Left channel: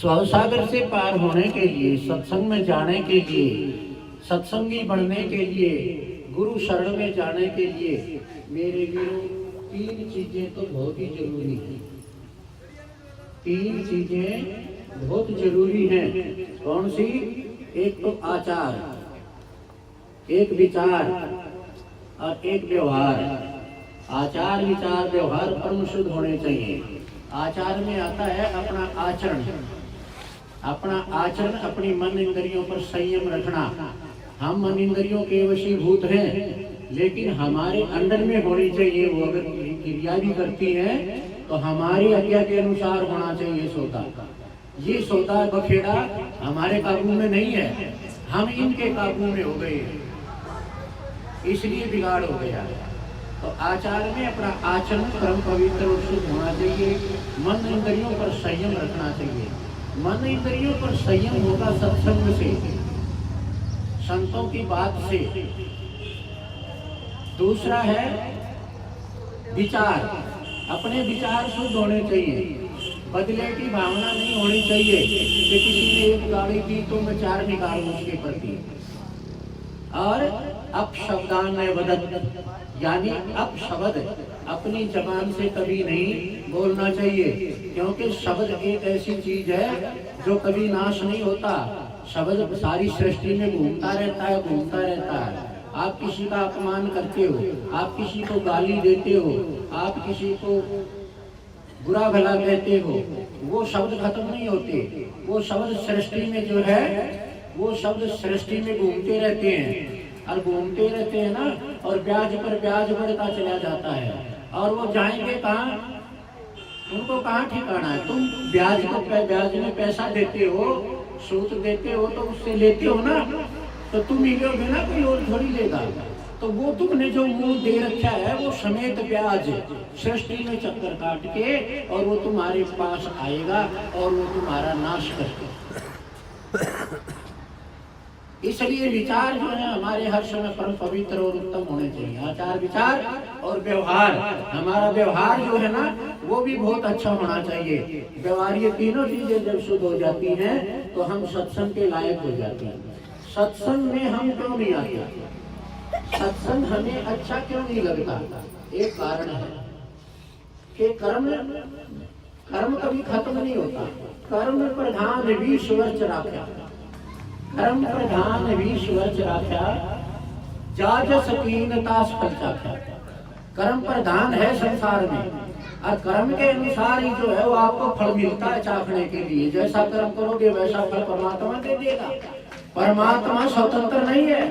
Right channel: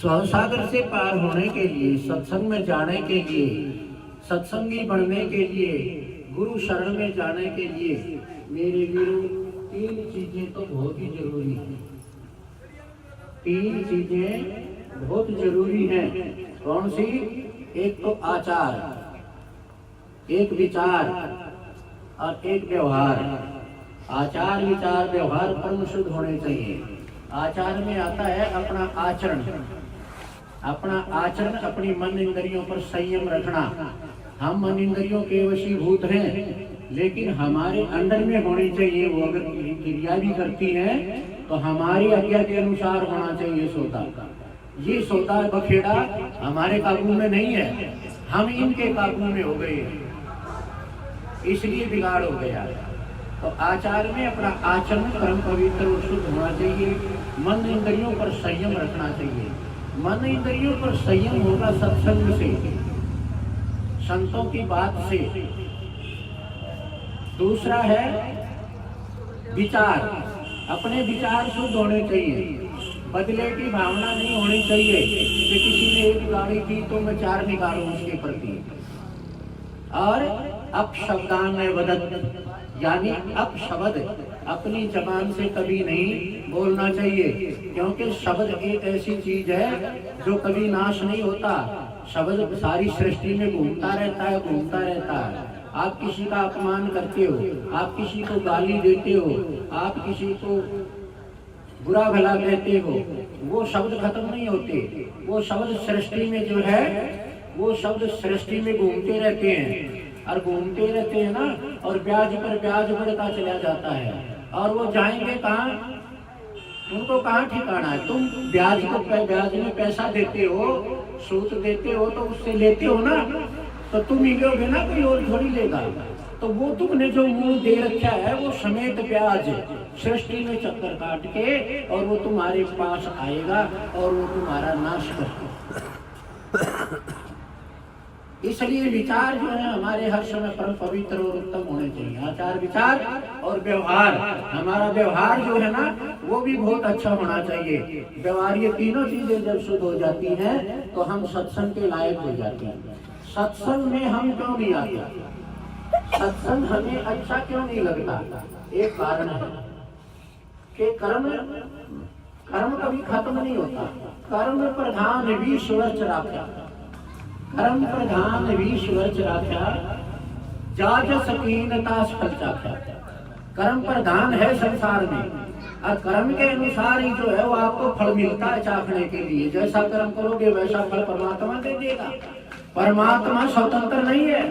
स्वसागर से पार होने के लिए, सत्संग में जाने के लिए, सत्संगी बनने के लिए, गुरु शरण में जाने के लिए मेरे वीरों तीन चीजें तो बहुत ही जरूरी है। तीन चीजें बहुत जरूरी हैं। कौन सी? एक तो आचार, एक विचार और एक व्यवहार। आचार विचार व्यवहार परम शुद्ध होने चाहिए। आचार में आता है अपना आचरण, अपना आचरण, अपनी मन इंद्रियों पर संयम रखना। हम मन इंद्रियों के वशीभूत हैं, लेकिन हमारे अंडर में होनी चाहिए। वो अगर क्रिया भी करती हैं तो हमारी आज्ञा के अनुसार होना चाहिए सौदा। ये सौदा बखेड़ा हमारे काबू में नहीं है, हम इनके काबू में हो गए हैं, इसलिए बिगाड़ हो गया है। तो आचार में अपना आचरण परम पवित्र और शुद्ध होना चाहिए। मन इंद्रियों पर संयम रखना चाहिए। मन इंद्रियों पर संयम होगा सत्संग से, संतों की बात से। दूसरा है विचार, अपने विचार शुद्ध होने चाहिए। बदले की भावना नहीं होनी चाहिए कि किसी ने एक गाड़ी की तो मैं चार निकालूं उसके प्रति। और अपशब्दान में वदत, यानी अपशब्द अपनी जबान से कभी नहीं बोलना चाहिए, क्योंकि शब्द एक ऐसी चीज है जो कभी नाश नहीं होता। शब्द सारी सृष्टि में घूमता रहता है, घूमता रहता है। आप किसी का अपमान करते हो, आप किसी को गाली देते हो, आप किसी को बुरा भला कहते हो, वो शब्द खत्म नहीं होते। वो शब्द सृष्टि में जो है, वो शब्द सृष्टि में घूमते रहते हैं और घूमते रहते हैं ना, और ब्याज पर ब्याज बढ़ता चला जाता है। और वो जाएंगे कहाँ? उनको कहाँ ठिकाना है? तुम ब्याज को ब्याज में पैसा देते हो, सूद देते हो, तो उससे लेते हो ना, तो तुम ही लोगे ना, कोई और थोड़ी लेगा। तो वो तुमने जो मुंह दे रखा है वो समेत ब्याज सृष्टि में चक्कर काट के और वो तुम्हारे पास आएगा और वो तुम्हारा नाश कर। इसलिए विचार जो है हमारे हर समय परम पवित्र और उत्तम होने चाहिए। आचार विचार और व्यवहार, हमारा व्यवहार जो है ना वो भी बहुत अच्छा होना चाहिए। व्यवहार, ये तीनों चीजें जब शुद्ध हो जाती हैं तो हम सत्संग के लायक हो जाते हैं। सत्संग में हम क्यों नहीं आते? सत्संग हमें अच्छा क्यों नहीं लगता? एक कारण है कि कर्म कभी खत्म नहीं होता। कर्म प्रधान विश्वच राख्या, कर्म प्रधान विश्वच राख्या, जाज सकीनता फल चाख्या। कर्म प्रधान है संसार में, और कर्म के अनुसार ही जो है वो आपको फल मिलता है चाखने के लिए। जैसा कर्म करोगे वैसा फल परमात्मा दे देगा। परमात्मा स्वतंत्र नहीं है।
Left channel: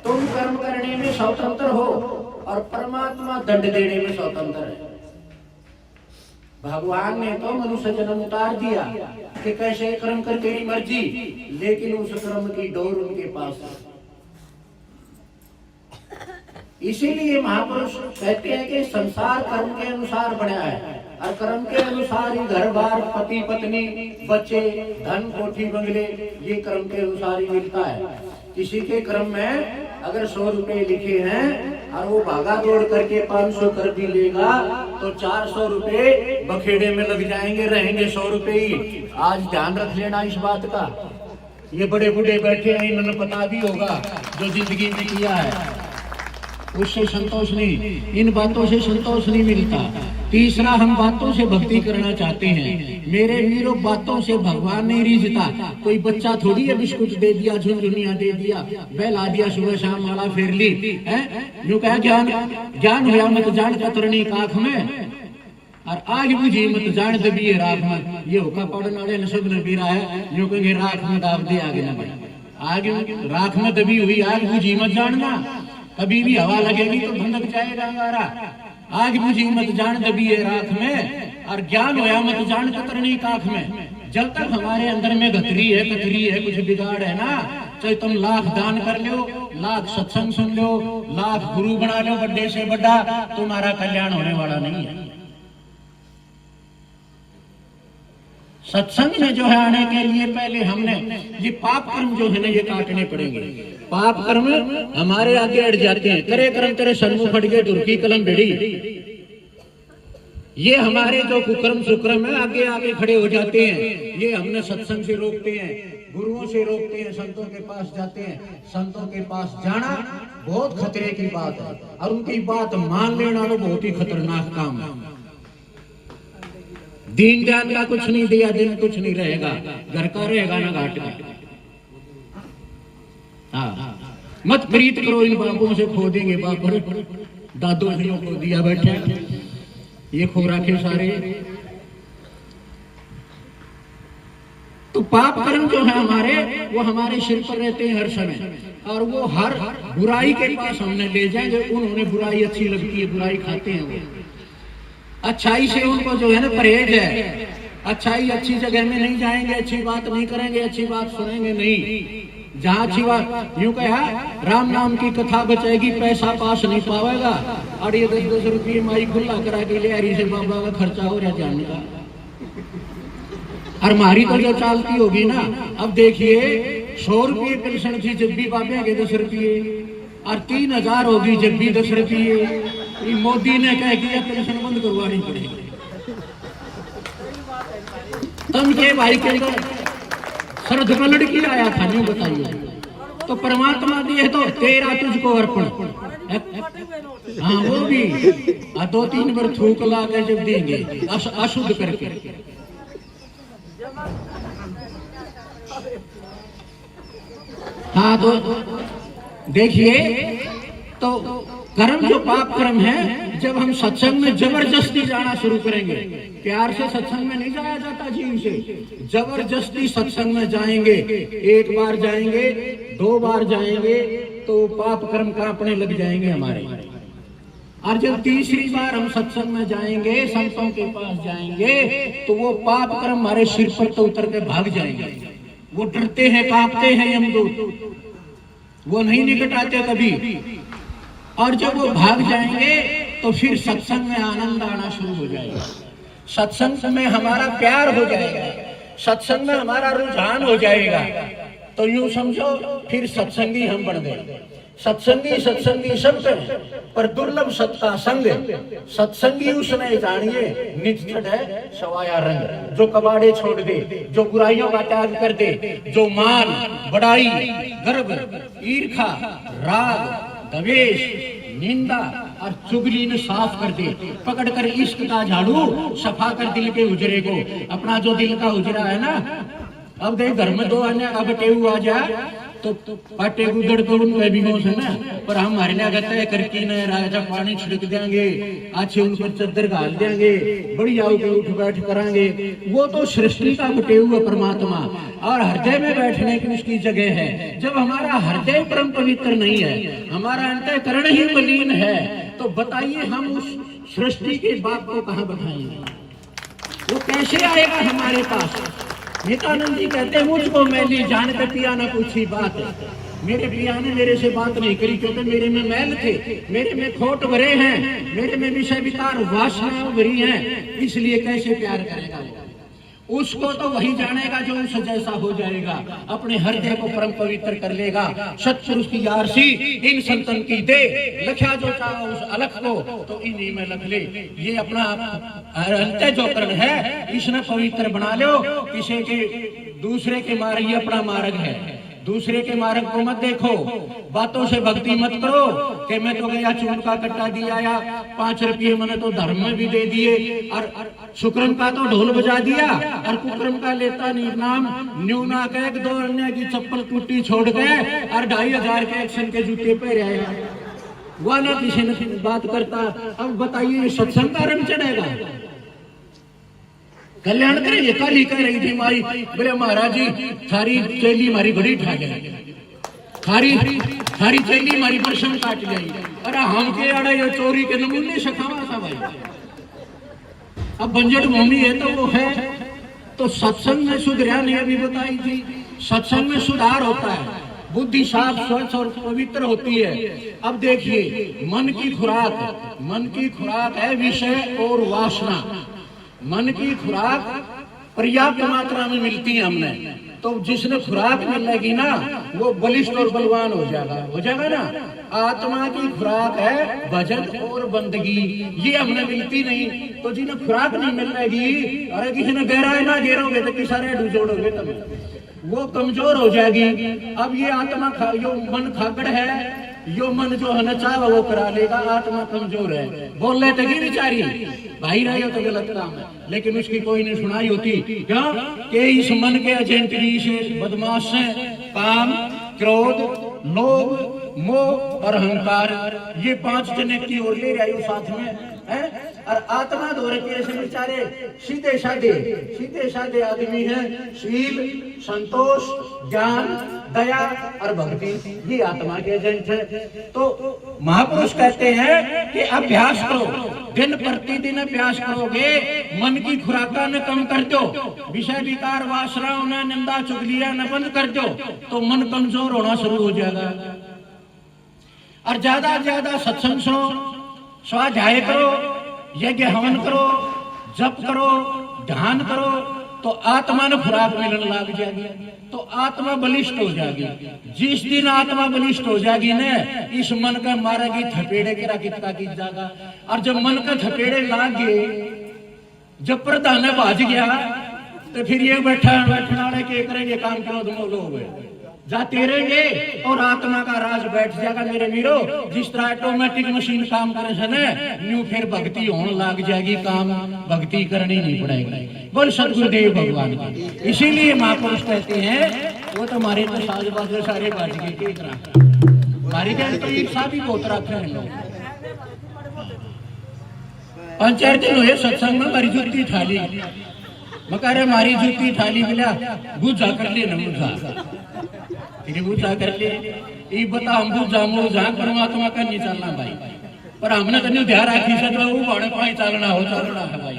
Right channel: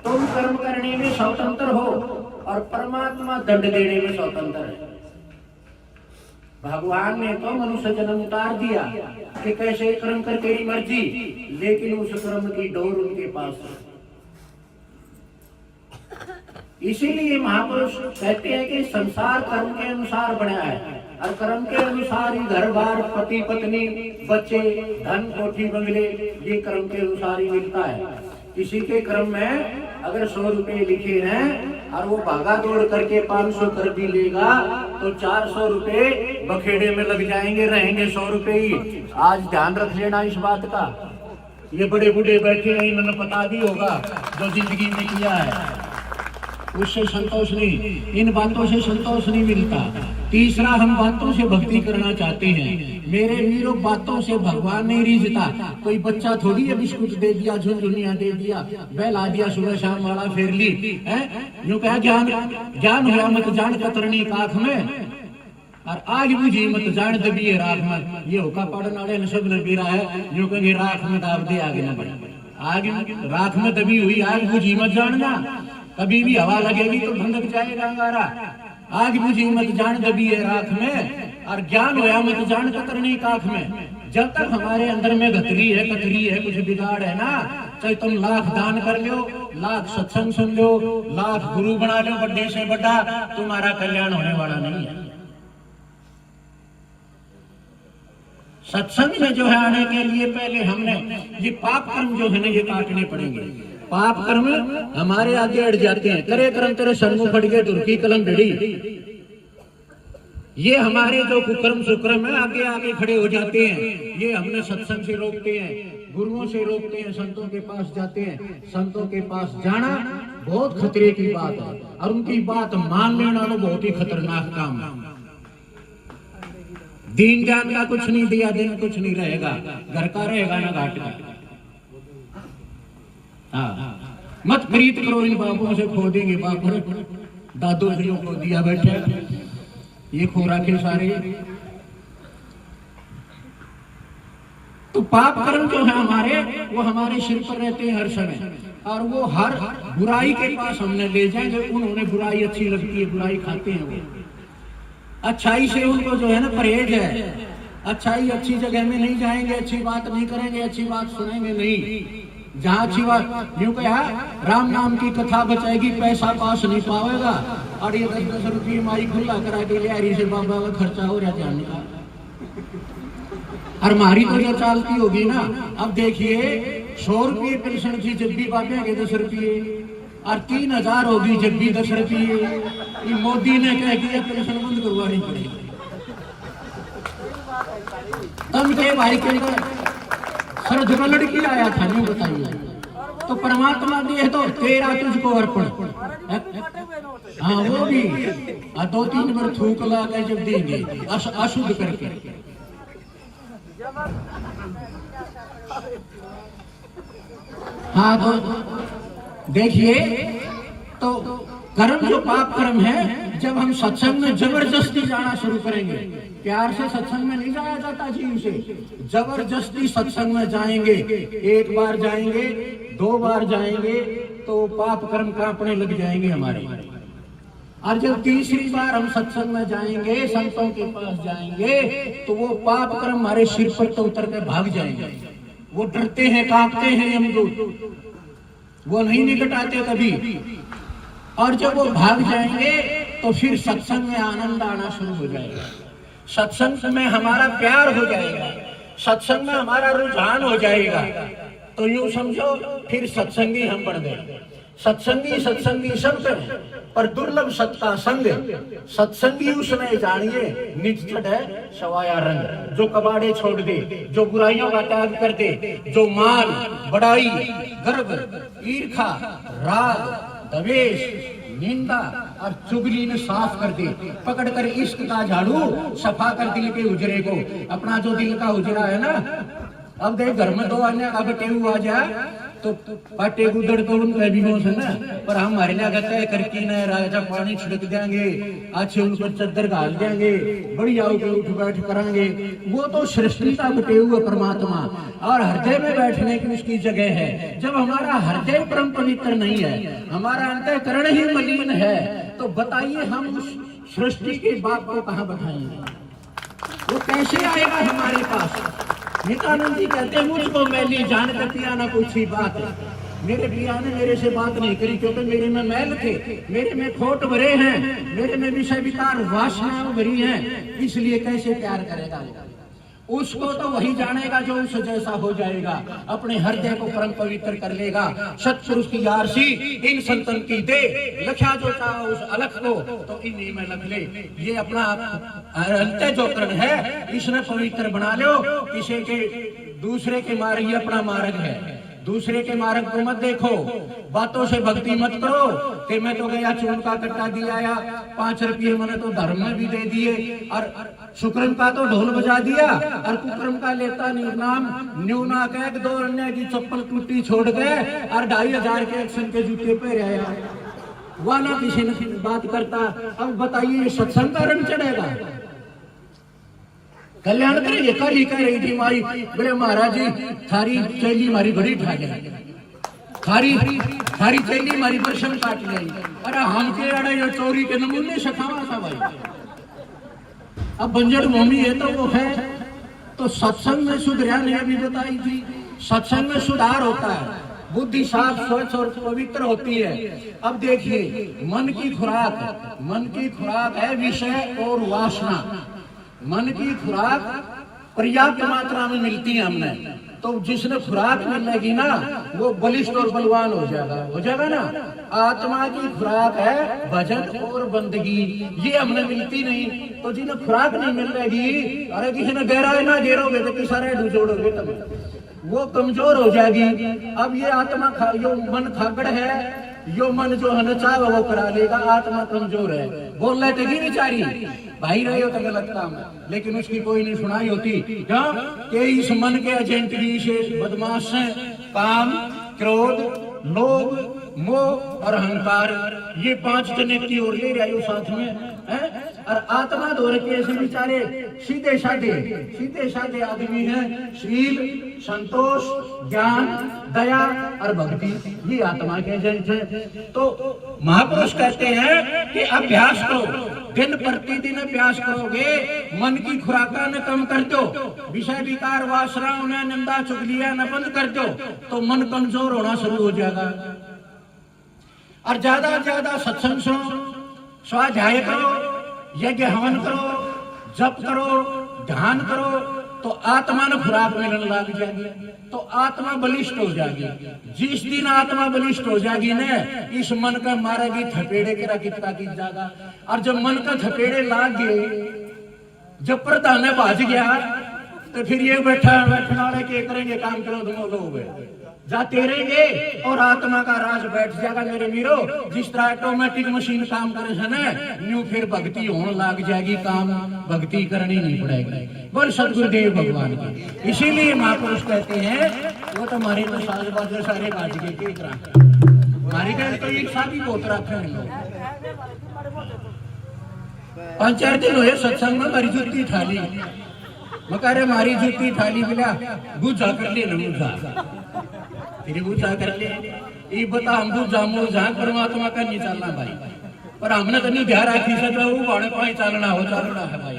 तुम कर्म करने में स्वतंत्र हो और परमात्मा दंड देने में स्वतंत्र है। भगवान ने तो मनुष्य जन्म उतार दिया कि कैसे कर्म कर तेरी मर्जी, लेकिन उस कर्म की डोर उनके पास है। इसीलिए महापुरुष कहते हैं कि संसार कर्म के अनुसार बना है, और कर्म के अनुसार ही घर बार, पति पत्नी, बच्चे, धन, कोठी, बंगले, ये कर्म के अनुसार ही मिलता है। किसी के कर्म में अगर 100 रुपए लिखे हैं और वो भागा दौड़ करके 500 कर भी लेगा तो 400 रुपए बखेड़े में लग जाएंगे, रहेंगे 100 रुपए ही। आज ध्यान रख लेना इस बात का। ये बड़े बूढ़े बैठे हैं, इन्होंने पता भी होगा जो जिंदगी में किया है, उससे संतोष नहीं, इन बातों से संतोष नहीं मिलता। तीसरा, हम बातों से भक्ति करना चाहते हैं। मेरे वीरों, बातों से भगवान नहीं रिझता। कोई बच्चा थोड़ी है बिस्कुट दे दिया, झुनझुनिया दे दिया, बहला दिया, सुबह शाम माला फेर ली है। यूं कहा ज्ञान हुआ मत जान कतरनी काख में, और आग बुझी मत जान दबी राख में। ये होका पढ़ने वाले सब ने बीरा है, यूं कहेंगे राख में दाब दे आगे न बढ़े। आग राख में दबी हुई आग बुझी मत जानना, कभी भी हवा लगेगी तो भनक जाएगा अंगारा। आग बुझी मत जान दबी है राख में, और ज्ञान होया मत जान कतरनी काख में। जब तक हमारे अंदर में कतरी है, कुछ बिगाड़ है ना, चाहे तुम लाख दान कर लो, लाख सत्संग सुन लो, लाख गुरु बना लो बड़े से बड़ा, तुम्हारा कल्याण होने वाला नहीं है। सत्संग में जो है आने के लिए पहले हमने ये पाप कर्म जो है ना ये काटने पड़ेंगे। पाप कर्म हमारे आगे अड़ जाते हैं। करे कर्म तेरे सन्मुख फट गए, दुर्की कलम भिड़ी, ये हमारे जो कुकर्म सुकर्म है आगे आगे खड़े हो जाते हैं, ये हमने सत्संग से रोकते हैं, गुरुओं से रोकते हैं, संतों के पास जाते हैं। संतों के पास जाना बहुत खतरे की बात है और उनकी बात मान लेना तो बहुत ही खतरनाक काम है। दीन जान का कुछ नहीं दिया, दिन कुछ नहीं रहेगा, घर का रहेगा ना घाट का। हाँ, मत प्रीत करो इन बाबुओं से, खो देंगे बाप, दादो को दिया बैठे ये खो रखे सारे। तो पाप कर्म जो है हमारे, वो हमारे सिर पर रहते हैं हर समय, और वो हर बुराई के पास हमने ले जाए। जो उन्होंने बुराई अच्छी लगती है, बुराई खाते हैं वो। अच्छाई से उनको जो है ना परहेज है। अच्छाई अच्छी जगह में नहीं जाएंगे, अच्छी बात नहीं करेंगे, अच्छी बात सुनेंगे नहीं। जहाँ अच्छी बात, यूं कहा राम नाम की कथा बचाएगी, पैसा पास नहीं पावेगा। और ये 10-10 रुपये माई खुला करा के ले हरी से बाबा का खर्चा हो रहा जाने का। और हमारी तो जो चालती होगी ना, अब देखिए 100 रुपये पेंशन थी जब भी बाबे के 10 रुपये, और 3000 होगी जब भी 10 रुपये। मोदी ने कह दिया पेंशन बंद करवानी पड़ेगी। तम के भाई के सर धुमा लड़की आया था, नहीं बताइए। तो परमात्मा दिए तो तेरा तुझको अर्पण। हाँ वो भी 2-3 बार थूक ला के जब देंगे अशुद्ध करके। हाँ तो देखिए, तो कर्म जो पाप कर्म है, जब हम सत्संग में जबरदस्ती जाना शुरू करेंगे, प्यार से सत्संग में नहीं जाया जाता जीव से, जबरदस्ती सत्संग में जाएंगे, 1 बार जाएंगे, 2 बार जाएंगे, तो पाप कर्म कांपने लग जाएंगे हमारे। और जब तीसरी बार हम सत्संग में जाएंगे, संतों के पास जाएंगे, तो वो पाप कर्म हमारे सिर पर तो उतर के भाग जाएंगे। वो डरते हैं, कांपते हैं यमदूत, वो नहीं निकट आते कभी। और जब वो भाग जाएंगे तो फिर सत्संग में आनंद आना शुरू हो जाएगा, सत्संग में हमारा प्यार हो जाएगा, सत्संग में हमारा रुझान हो जाएगा। तो यूं समझो फिर सत्संगी हम बन गए। सत्संगी सब है, पर दुर्लभ सत्ता संग। सत्संगी उसने जानिए निज है सवाया रंग। जो कबाड़े छोड़ दे, जो बुराइयों का त्याग कर दे, जो मान बड़ाई गर्व ईर्खा राग द्वेष निंदा और चुगली ने साफ कर दे, पकड़ कर इश्क का झाड़ू सफा कर दिल के उजरे को। अपना जो दिल का उजरा है ना, अब देख घर में 2 आने अब टेऊ आ जाए तो पाटे गुदड़ तो उनका भी होश है ना, पर हम हरने कहते हैं करकी ने राजा पानी छिड़क देंगे, अच्छे उन पर चद्दर घाल देंगे, बढ़िया उठ बैठ करांगे। वो तो सृष्टि का बटे हुए परमात्मा, और हृदय में बैठने की उसकी जगह है। जब हमारा हृदय परम पवित्र नहीं है, हमारा अंतःकरण ही मलिन है, तो बताइए हम उस सृष्टि के बाप को कहाँ बताएंगे? वो कैसे आएगा हमारे पास? नित्यानंद जी कहते हैं मुझको मैली जान कर पिया ना पूछी बात। मेरे पिया ने मेरे से बात नहीं करी, क्योंकि मेरे में मैल थे, मेरे में खोट भरे हैं, मेरे में विषय विकार वासनाएं भरी हैं, इसलिए कैसे प्यार करेगा? उसको तो वही जानेगा जो उस जैसा हो जाएगा, अपने हृदय को परम पवित्र कर लेगा। सत्पुरुष की यारसी इन संतन की दे, लख्या जो चाहो उस अलख को, तो इन्हीं में लख ले। ये अपना अंत्य जो कर्म है इसने पवित्र बना लो। किसी के दूसरे के मार्ग, ये अपना मार्ग है, दूसरे के मार्ग को मत देखो। बातों से भक्ति मत करो कि मैं तो गया चून का कट्टा दिया या 5 रुपये मैंने तो धर्म में भी दे दिए, और शुक्रम का तो ढोल बजा दिया, और कुक्रम का लेता नहीं नाम। न्यूना के 2 अन्य की चप्पल टूटी छोड़ गए, और 2500 के एक्शन के जूते पे रहे, वाला किसी ने बात करता। अब बताइए सत्संग का रंग चढ़ेगा? कल्याण करेंगे। कल ही कह रही थी माई, बोले महाराज जी थारी चेली हमारी बड़ी ठा गई, थारी चेली हमारी परसम काट गई। अरे हम के अड़ा ये चोरी के नमूने सखावा था भाई। अब बंजर भूमि है तो वो है, तो सत्संग में सुधरा नहीं, अभी बताई थी। सत्संग में सुधार होता है, बुद्धि साफ स्वच्छ और पवित्र होती है। अब देखिए मन की खुराक है विषय और वासना। मन की खुराक पर्याप्त मात्रा में मिलती है हमने, तो जिसने खुराक मिलेगी ना वो बलिष्ठ और बलवान हो जाएगा ना। आत्मा की खुराक है भजन और बंदगी, ये हमने मिलती नहीं। तो जिन्हें खुराक नहीं मिल रही, अरे किसी ने गहराई ना घेरोगे तो किसारे जोड़ोगे तब वो कमजोर हो जाएगी। अब ये आत्मा यो मन खागड़ है, यो मन जो है ना चाहे वो करा लेगा, आत्मा कमजोर है। बोल रहे थे कि बेचारी भाई रहे हो तो गलत काम है, लेकिन उसकी कोई नहीं सुनाई होती। क्यों कि इस मन के एजेंट भी बदमाश हैं। काम, क्रोध, लोभ, मोह और अहंकार, ये 5 जने की ओर ले रहे हो साथ में है। और आत्मा दो रखी ऐसे बेचारे सीधे साधे आदमी हैं। शील, संतोष, ज्ञान, दया और भक्ति, ये आत्मा के एजेंट है। तो महापुरुष कहते हैं कि अभ्यास करो, दिन प्रतिदिन अभ्यास करोगे, मन की खुराका न कम कर दो, विषय विकार वासनाओं न निंदा चुगलियां न बंद कर दो, तो मन कमजोर होना शुरू हो जाएगा। और ज्यादा सत्संग सुनो, स्वाध्याय करो, यज्ञ हवन करो, जप करो, ध्यान करो, तो आत्मा ने खुराक मिलने लग जाएगी, तो आत्मा बलिष्ठ हो जाएगी। जिस दिन आत्मा बलिष्ठ हो जाएगी ना, इस मन का मारेगी थपेड़े गिरा कितना की जाएगा। और जब मन का थपेड़े लाग गए, जब प्रधान भाज गया, तो फिर ये बैठने वाले के करेंगे काम करो, तुम लोग जाते रहेंगे और आत्मा का राज बैठ जाएगा। मेरे मीरो, जिस तरह ऑटोमेटिक मशीन काम करे है ना, यूं फिर भक्ति होने लग जाएगी, काम भक्ति करनी नहीं पड़ेगी। बोल सदगुरुदेव भगवान की। इसीलिए महापुरुष कहते हैं, वो तो हमारे तो साज बाजे सारे बाज के हमारे कहने तो एक साथ ही बहुत रखे हैं लोग। 5-4 दिन हुए सत्संग में, हमारी जूती थाली मकारे, हमारी जूती थाली मिला, बुझा कर ले न तेरी बूझा कर ले। ये बता हम बूझा परमात्मा का नहीं चलना भाई, पर हमने तो नहीं ध्यान रखी सकता वो बाड़े पाई चलना है भाई।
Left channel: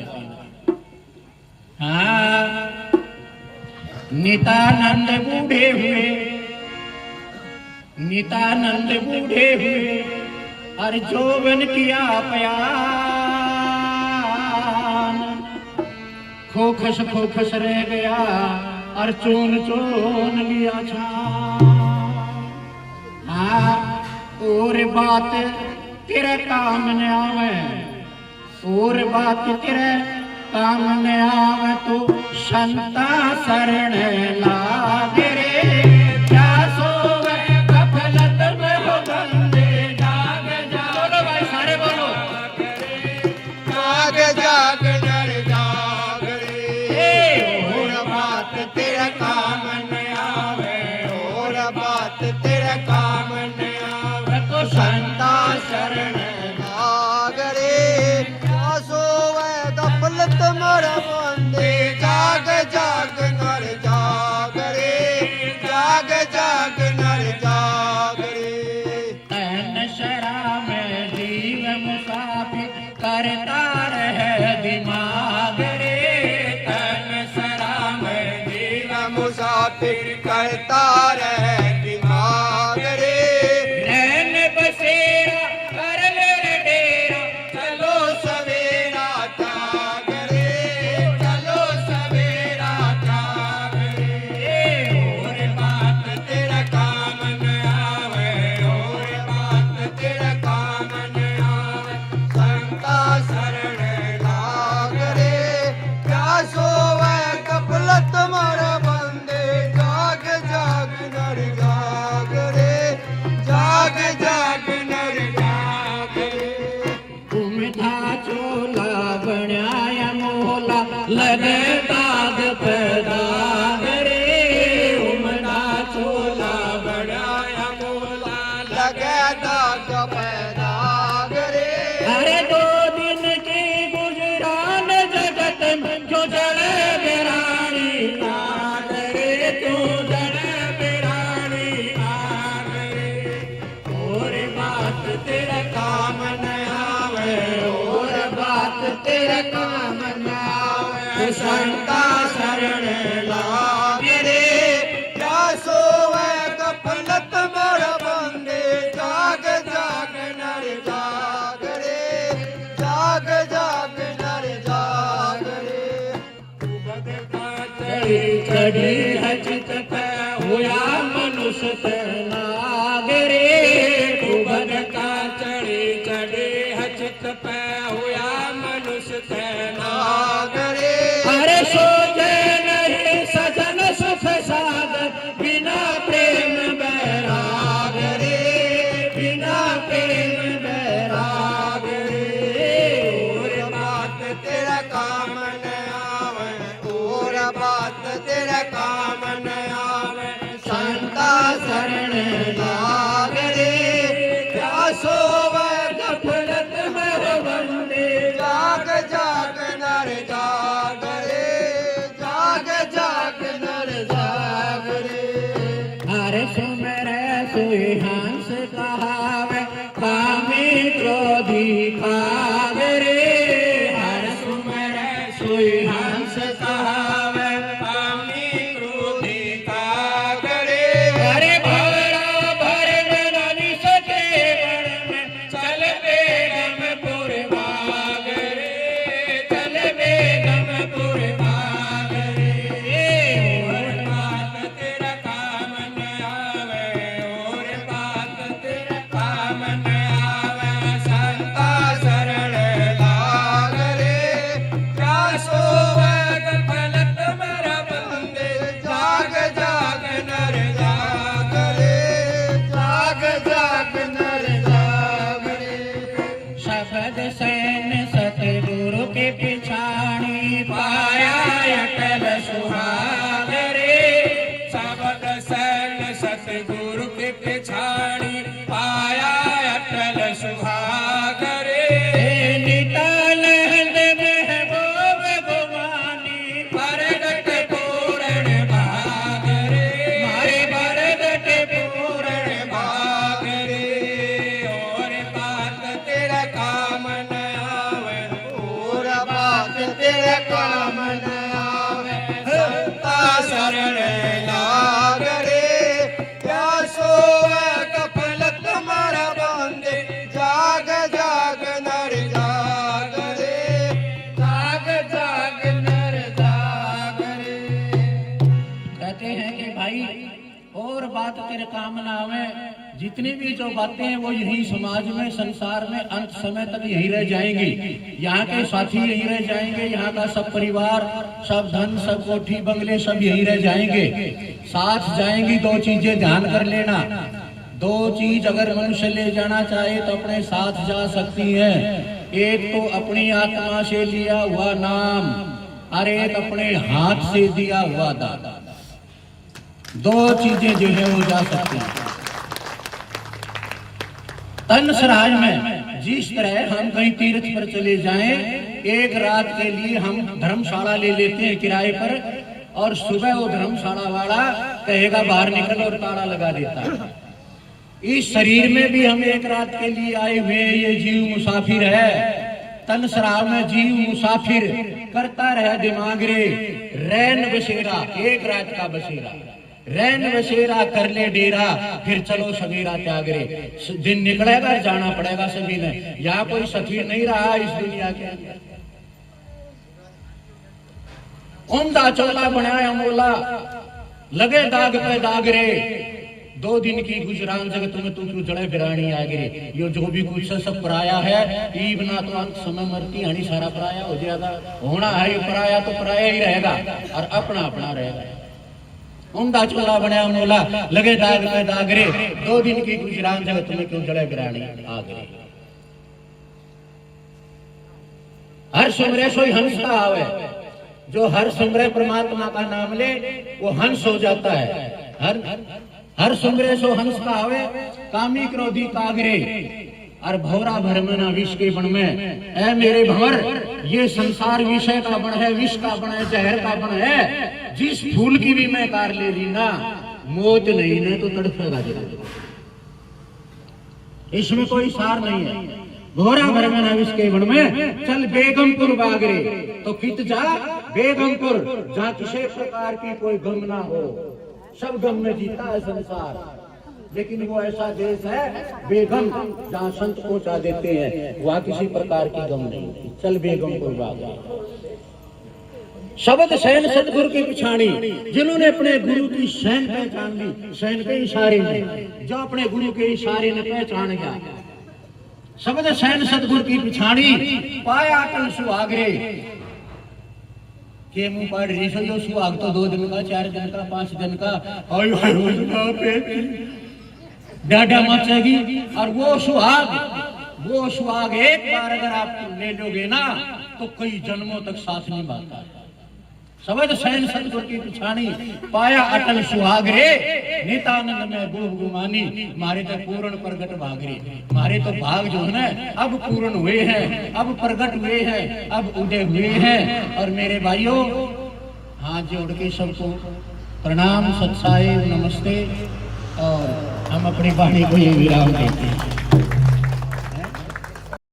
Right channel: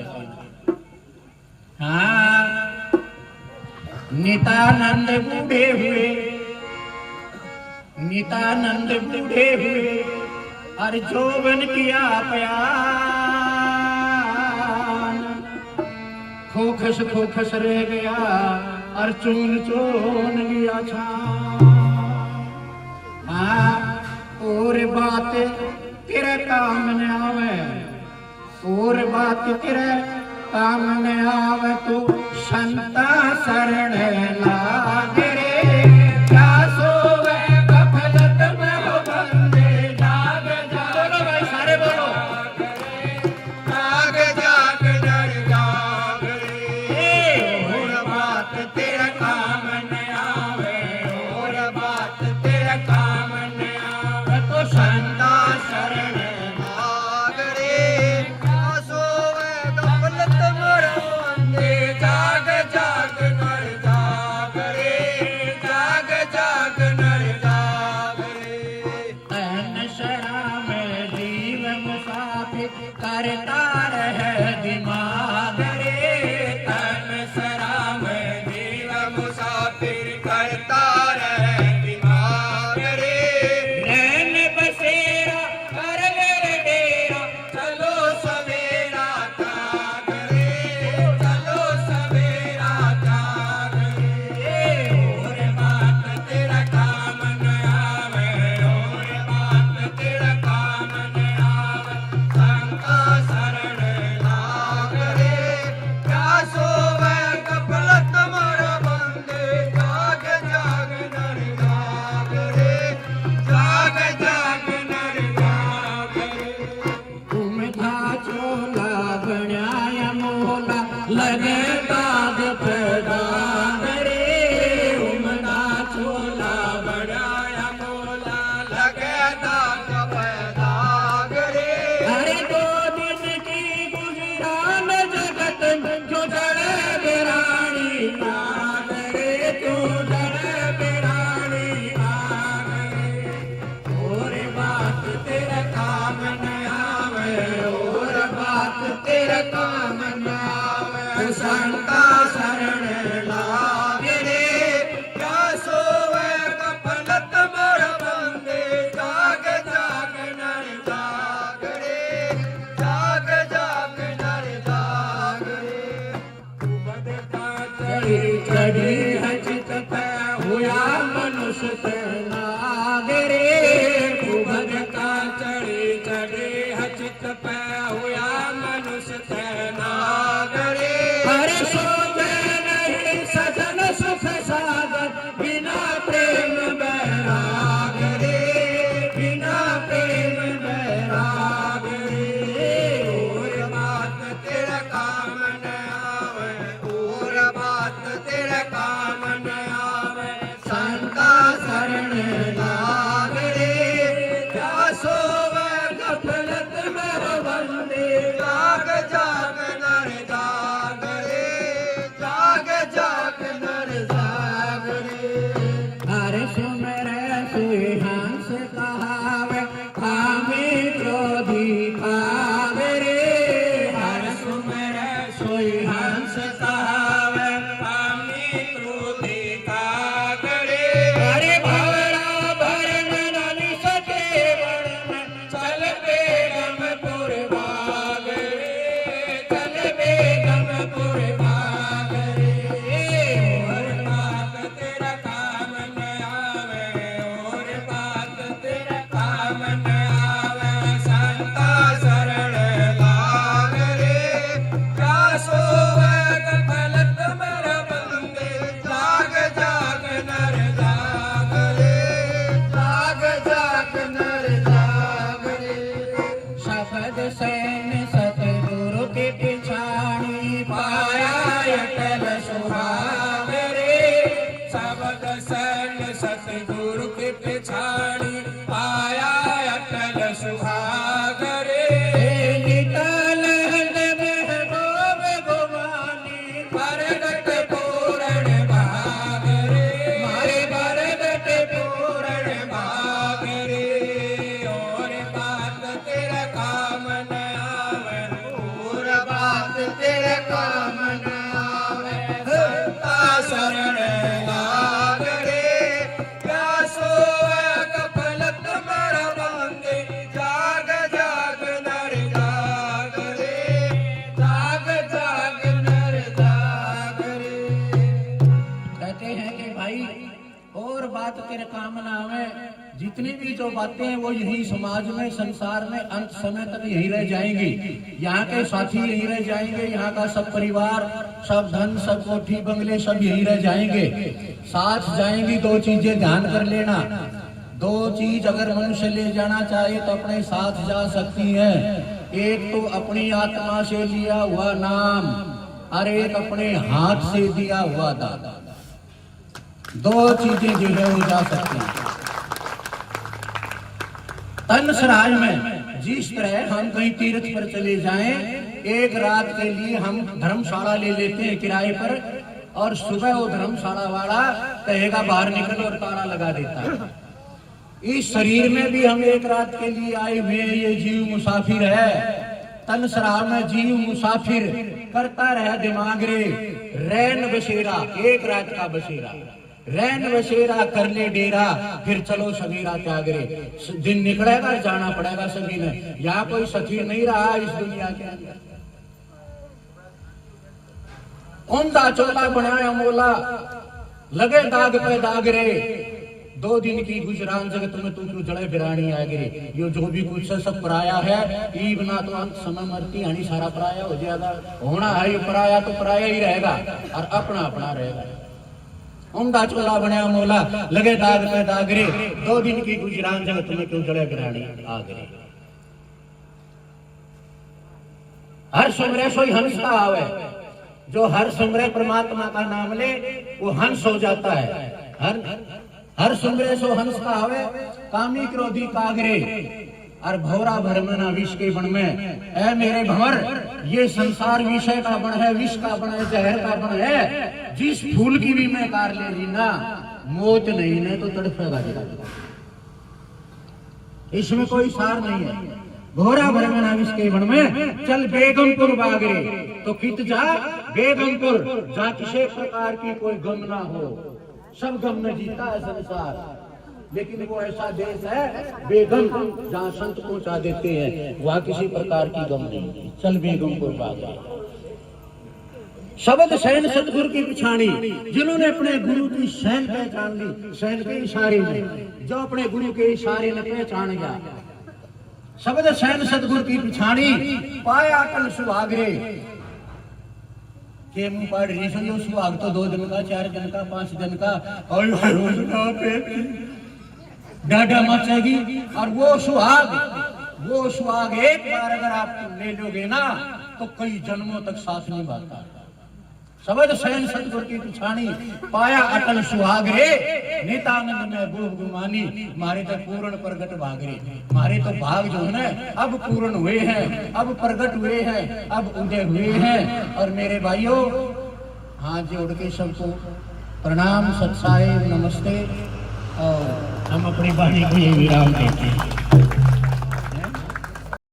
हाँ, नितानंद बूढ़े हुए और जोबन किया प्यान, खोखस रह गया और चून लिया छान। हाँ, और बात तेरे काम न आवे, और बात तेरे काम न आवे, तो संता शरण लागे रे। क्या सोवे गफलत में हो बंदे, जाग बोलो भाई, सारे बोलो, जाग नर जाग रे। और बात तेरा काम न आवे, और बात तेरा काम न आवे, तो संता शरण लाग रे। क्या सोवे गफलत में हो बंदे, जाग नर जाग। कहते हैं कि भाई और बात तेरे काम ना आवे, जितनी भी जो बातें हैं वो यही समाज में, संसार में अंत समय तक यही रह जाएंगी। यहाँ के साथी यही रह जाएंगे, यहाँ का सब परिवार, सब धन, सब कोठी बंगले सब यही रह जाएंगे, साथ जाएंगी। दो चीजें ध्यान कर लेना, दो चीज अगर मनुष्य ले जाना चाहे तो अपने साथ जा सकती है। एक तो अपनी आत्मा से लिया हुआ नाम और एक अपने हाथ से दिया हुआ दान। दो चीजें जो है वो जा सकती है। तन सराज में जिस तरह हम कहीं तीर्थ पर चले जाएं, एक रात के लिए हम धर्मशाला ले लेते हैं किराए पर, और सुबह वो धर्मशाला वाला कहेगा बाहर निकल और ताला लगा देता है। इस शरीर में भी हम एक रात के लिए आए हुए, ये जीव मुसाफिर है। तन सराज में जीव मुसाफिर करता रहे दिमाग रे, रैन बसेरा, एक रात का बसेरा, रैन बसेरा कर ले डेरा, फिर चलो सवेरा त्याग रे। दिन निकलेगा, जाना पड़ेगा सभी ने। यहाँ कोई सखी नहीं रहा इस दुनिया के अंदर। उमदा चोला बनाया मोला, लगे दाग पे दाग रे, 2 दिन की गुजरान जगत में तू क्यों जड़े बिरानी आगे। यो जो भी कुछ सब पराया है, ईब ना तो अंत समय मरती हानि सारा पराया हो जाएगा। होना है ये पराया तो पराया ही रहेगा और अपना अपना रहेगा। उमदा चोला बनाया मोला, लगे दाग पे दाग रे, 2 दिन की गुजरान जगत में क्यों जड़े बिरानी आगे। हर सुमरे सोई हंस का आवे, जो हर सुमरे परमात्मा का नाम ले वो हंस हो जाता है। हर सुमरे सो हंस का आवे, कामी क्रोधी कागरे और भौरा भरमना विष के बन में। ऐ मेरे भंवर, ये संसार विषय का बन है, विष का बन है, जहर का बन है। जिस फूल की भी मैं कार ले ली ना, मौत नहीं ना तो तड़फेगा जगा। इसमें कोई सार नहीं है। भौरा भरमना विष के बन में, चल बेगमपुर बागरे, तो कित जा बेगमपुर, जहाँ किसी प्रकार की कोई गम ना हो। सब गम में जीता है संसार, लेकिन वो ऐसा देश है बेगम जहाँ संत पहुंचा देते हैं, वहाँ किसी प्रकार की गम नहीं। चल बेगमपुर बाबा। शब्द सैन सतगुरु की पिछाड़ी, जिन्होंने अपने गुरु की सैन पहचान ली, सैन के इशारे में, जो अपने गुरु के इशारे ने पहचान गया। शब्द सैन सतगुरु की पिछाड़ी, पाया तन सुहागरे के मुंह पर रीसो। जो सुहाग तो 2 दिन का, 4 दिन का, 5 दिन का, और डाटा मचेगी। और वो सुहाग एक बार अगर आप ले लोगे ना तो कई जन्मों तक साथ निभाता। शब्द सैन सतगुरु की पिछानी, पाया अटल सुहाग रे, नितानंद में गोह गुमानी, मारे तो पूर्ण प्रगट भाग रे। मारे तो भाग जो है ना अब पूर्ण हुए हैं, अब प्रगट हुए हैं, अब उदय हुए हैं। और मेरे भाइयों, हाथ जोड़ के सबको प्रणाम, सत्साई, नमस्ते, और हम अपनी वाणी को ये विराम देते हैं।